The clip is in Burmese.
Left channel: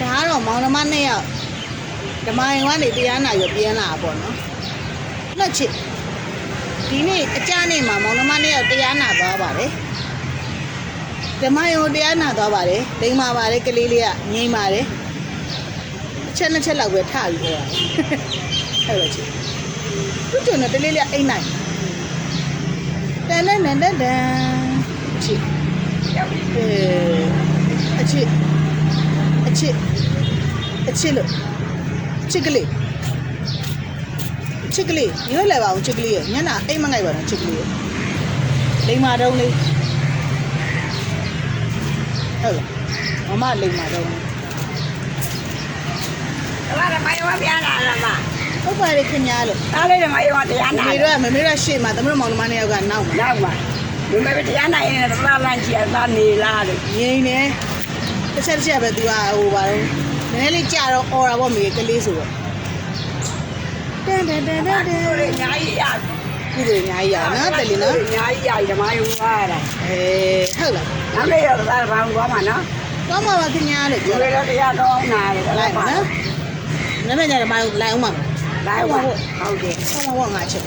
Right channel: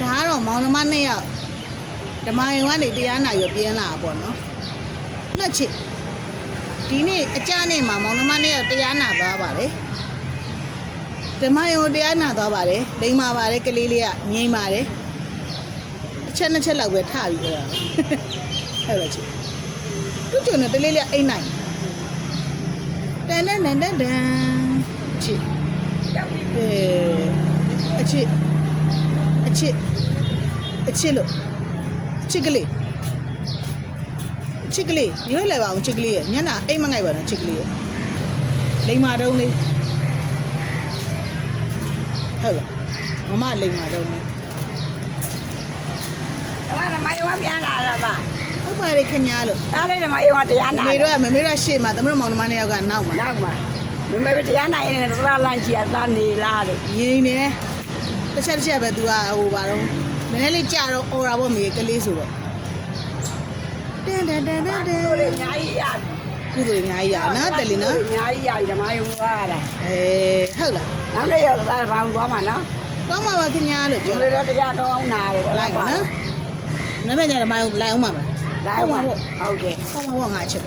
ဒါကတော့မောင်နှမ2ယောက်ဓမ္မယုံကနေတရားနာရောပြန်လာတာပေါ့နော်နှစ်ချစ်ဒီနေ့အကြနေ့မှာမောင်နှမ2ယောက်တရားနာသွားပါတယ်ဓမ္မယုံတရားနာသွားပါတယ်လိမ္မာပါတယ်ကလေးလေးကငြိမ်ပါတယ်အချက်2ချက်လောက်ပဲထပြီးတော့အဲ့လိုချစ်သူကျုံနဲ့တလေးလေးအိမ်နိုင်တန်တန်တန်တန်ချစ်အချစ်လို့ချစ်ကလေးရွေးလိုက်ပါဦးချစ်ကလေးညနာအိမ်မငိုက်ပါတော့ချစ်ကလေးလိမ္မာတုံးလေးဟုတ်မမလိမ္မာတုံးလေးအဲ့ဒါမယောပြန်လာလားမဟုတ်ပါတယ်ခင်ဗျားလို့ဒါလေးမယောတရားနာမမေတို့ရှေ့မှာသမီးမောင်နှမ2ယောက်ကနောက်မှာမမေတရားနာရင်တော့လာလန့်ချီရသားနေလားလို့ငိမ့်နေတစ်ချက်ပဲသူကဟိုပါတော့နည်းနည်းလေးကြာတော့អော်တာပေါ့မေကလေးဆိုတော့တန်အများကြီးရကုသိုလ်အများကြီးရနော်တယ်လီနော်အများကြီးရဓမ္မယုံသွားတာဟုတ်လားနောက်လေးရတော့ဘာသွားမှာနော်သွားမှာပါခင်ဗျားလို့ဒီလိုတရားကောင်းနာတယ်လိုက်ပါနော်နည်းနည်းကြဓမ္မယုံလိုက်အောင်ပါမလားလိုက်ပါဟုတ်ကဲ့ဟောငါချက်